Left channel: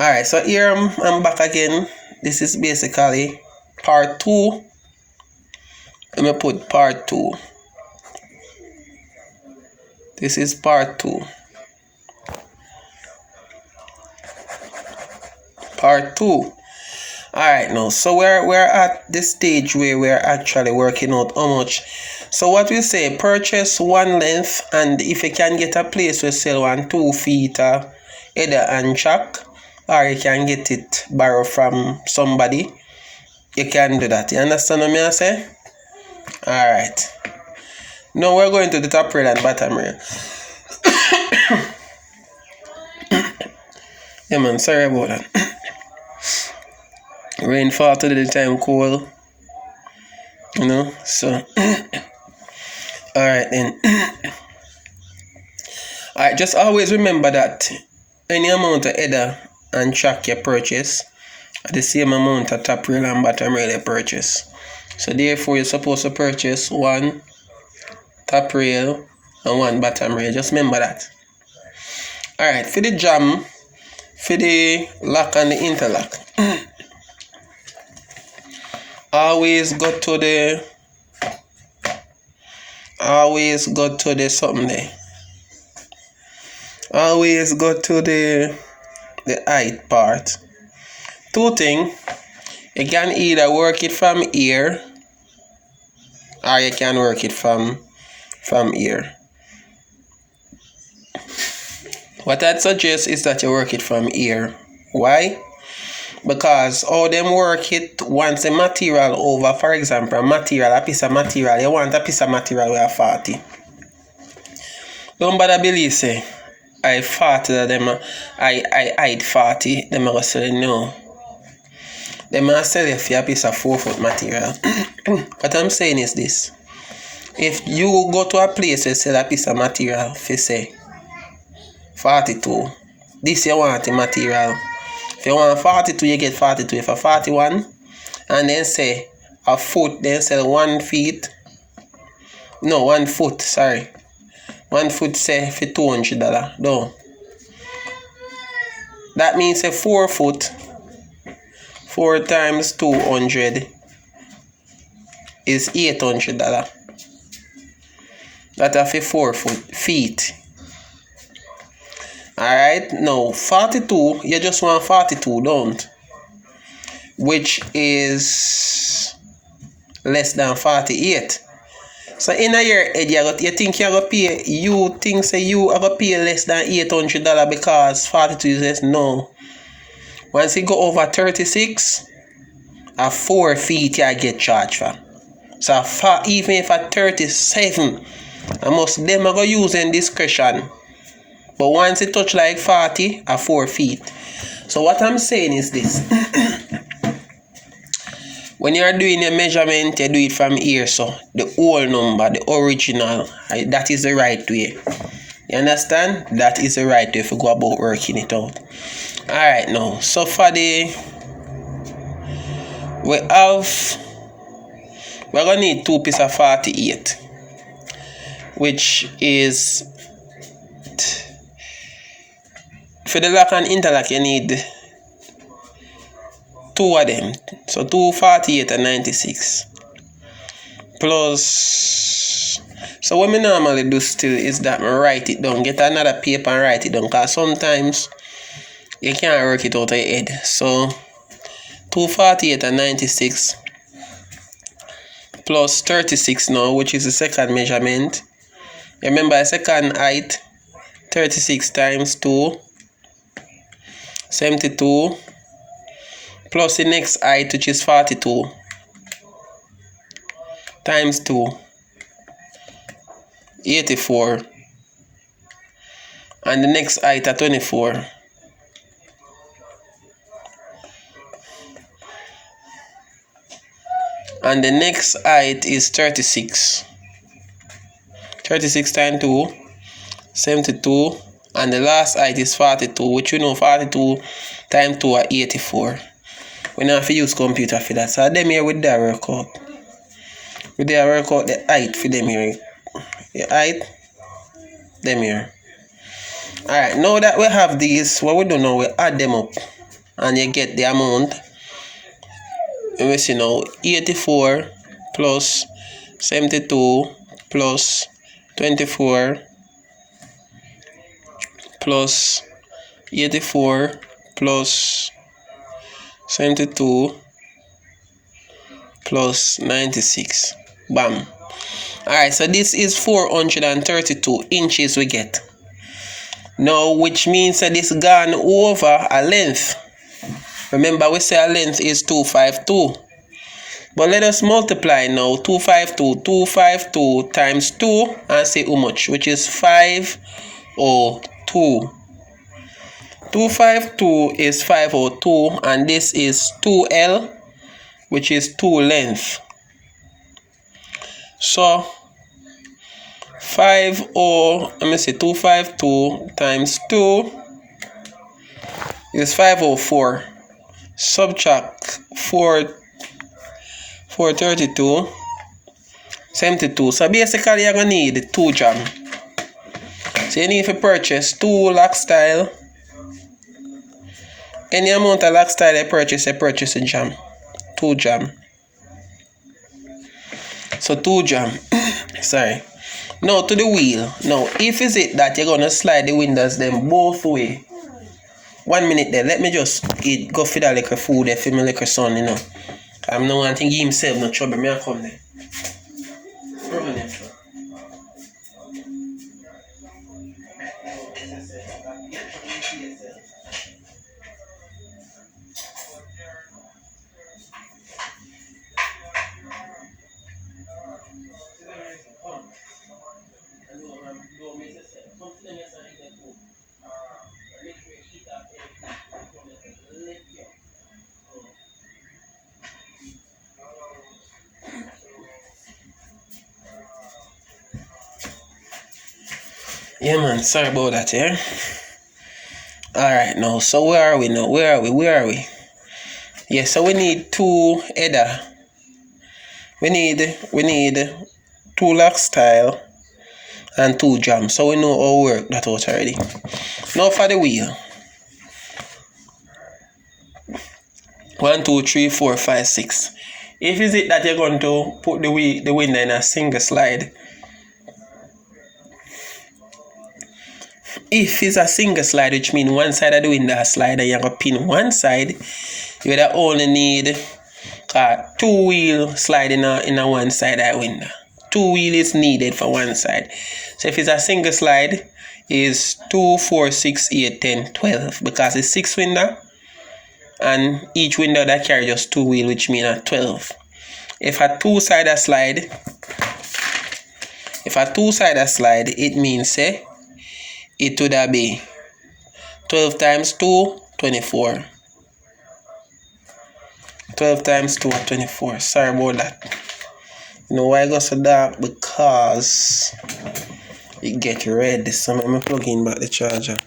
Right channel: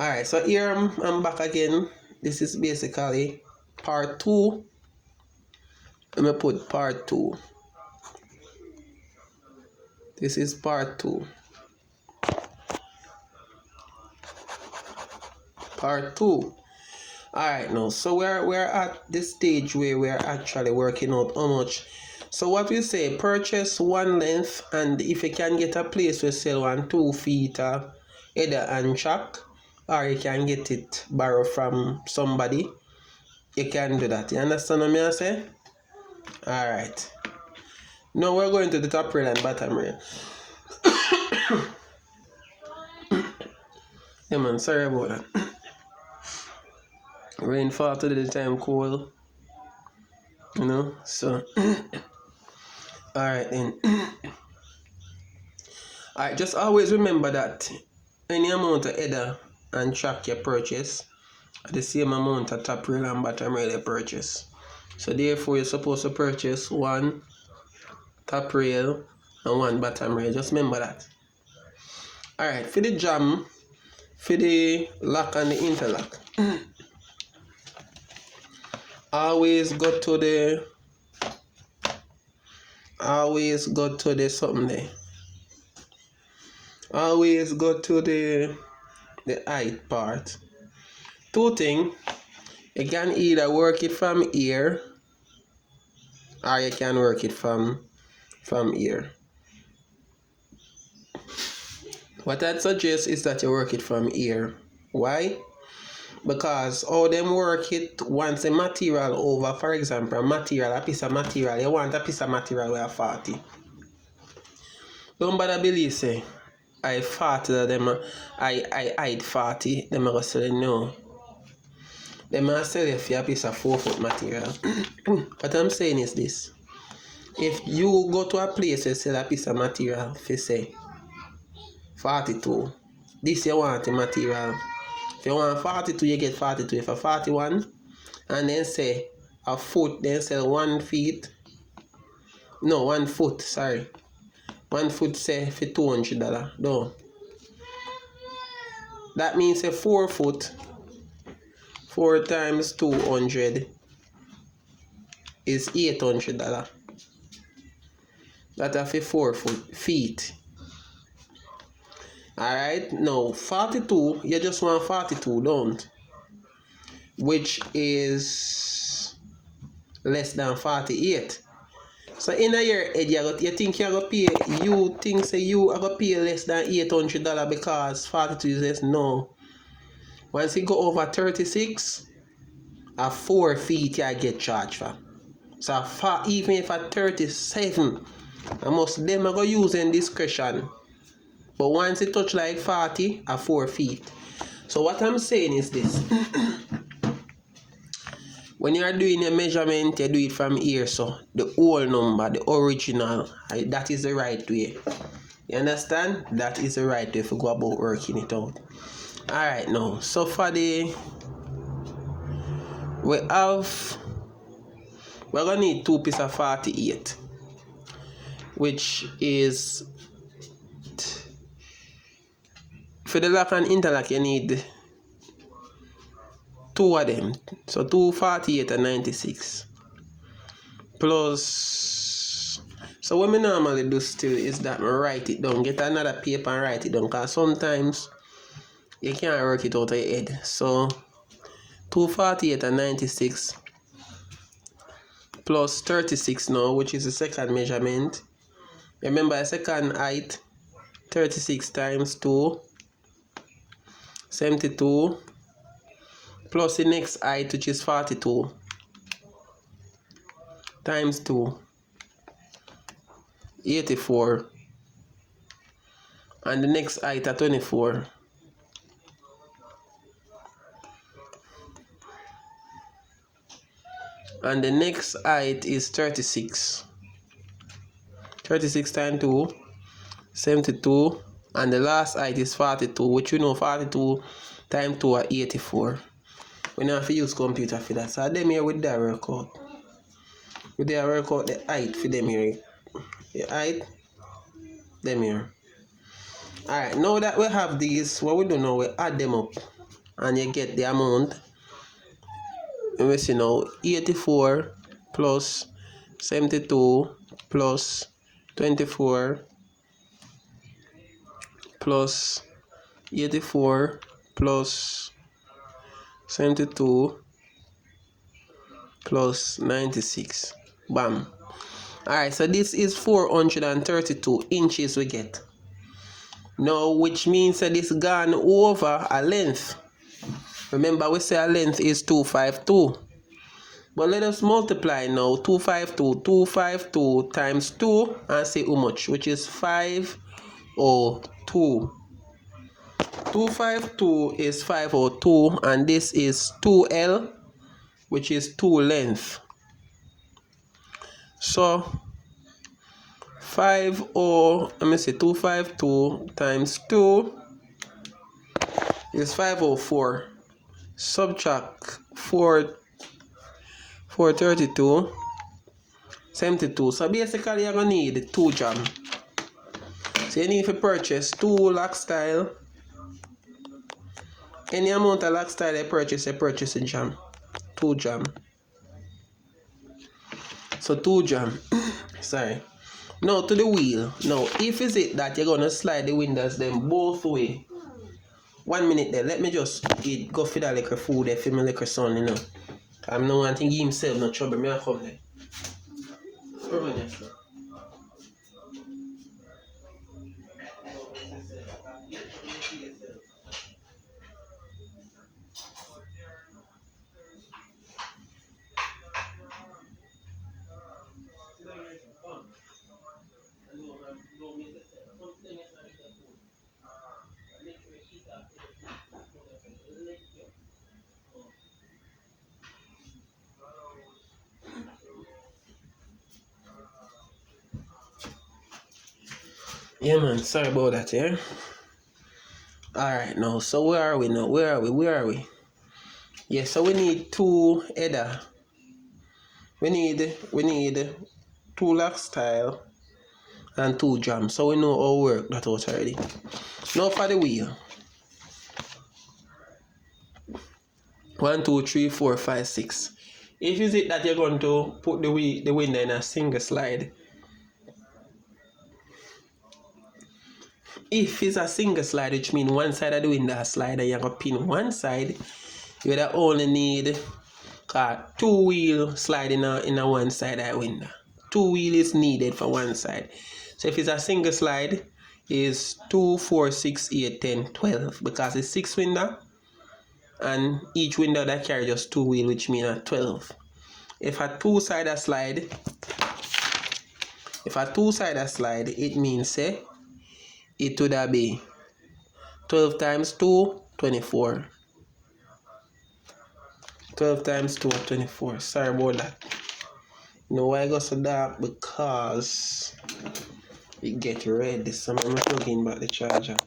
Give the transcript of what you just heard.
Alright, so here I'm back again. This is basically part 2. Let me put part 2. This is part 2. Part 2. Alright, now, so we're at this stage where we're actually working out how much. So what we say, purchase one length, and if you can get a place we sell 2 feet header and chock, or you can get it borrow from somebody, you can do that. You understand what I say? Alright. Now we're going to the top rail and bottom rail. Yeah man, sorry about that. Rainfall today, the time cold. You know, so alright then. Alright, just always remember that any amount of header and chock you purchase are the same amount of top rail and bottom rail you purchase. So therefore you're supposed to purchase 1 top rail and 1 bottom rail. Just remember that. Alright, for the jam, for the lock and the interlock, always go to the something there. Always go to the height part. 2 things. You can either work it from here or you can work it from here. What I'd suggest is that you work it from here. Why? Because how them work it once the material over, for example, a piece of material, you want a piece of material with a 40. Don't bother believe say I 40 them I hide 40, them are say no. Them are sell you for a piece of 4-foot material. What I'm saying is this. If you go to a place and sell a piece of material for say 42, this you want the material. If you want 42, you get 42. If a 41, and then say a foot, then sell 1 feet. No, 1 foot, sorry. 1 foot say for $200. No. That means a 4 foot, 4 times 200 is $800. That are for 4 feet. Alright, now 42, you just want 42, don't? Which is less than 48. So in a year, you think you're going to pay, you think say you are going to pay less than $800 because 42 is less? No. Once you go over 36, a 4 feet you get charged for. So even if at 37, them are going to use in discretion. But once it touch like 40, a 4 feet. So what I'm saying is this. When you are doing a measurement, you do it from here. So the whole number, the original, that is the right way. You understand? That is the right way if you go about working it out. Alright now. So for we're going to need 2 pieces of 48. Which is, for the lock and interlock, you need 2 of them. So 2 48 and 96. Plus, so what I normally do still is that I write it down. Get another paper and write it down. Because sometimes you can't work it out of your head. So 2 48 and 96 plus 36 now, which is the second measurement. Remember, the second height, 36 times 2. 72 plus the next height, which is 42 times 2, 84, and the next height at 24, and the next height is 36 times 2, 72, and the last height is 42, which you know 42 times 2 are 84. We don't have to use computer for that. So them here with that workout. With that workout the height for them here. The height, them here. Alright, now that we have these, what we do now, we add them up. and you get the amount. Let me see now. 84 plus 72 plus 24 plus 84 plus 72 plus 96. Bam. Alright, so this is 432 inches we get. Now, which means that this gone over a length. Remember, we say a length is 252. But let us multiply now. 252 times 2 and say how much, which is 502. 252 is 502, and this is 2L, which is 2 length. So 252 times 2 is 504. Subtract 432, 72. So basically you're gonna need 2 jam. So you need to purchase 2 lock style. Any amount of lock style you purchase a jam. 2 jam. So 2 jam. Sorry. Now to the wheel. Now if is it that you're gonna slide the windows them both way. 1 minute there. Let me just go feed a little food there for my little son, you know. I'm not wanting to give himself no trouble. Me I come there. Yeah man, sorry about that, yeah. Alright now, so where are we now? Where are we? Yeah, so we need 2 header. We need 2 lock style and 2 jam. So we know how to work that out already. Now for the wheel. 1, 2, 3, 4, 5, 6. If is it that you're going to put the window in a single slide. If it's a single slide, which means one side of the window slide and you're going to pin one side, you would only need 2 wheel slide in a one side of the window. 2 wheel is needed for one side. So if it's a single slide, is 2, 4, 6, 8, 10, 12. Because it's 6 window. And each window that carry just 2 wheel, which means 12. If a two-sided slide, it means it would be 12 times 2, 24. 12 times 2, 24. Sorry about that. You know why I got so dark? Because it get red. So I'm plugging back the charger.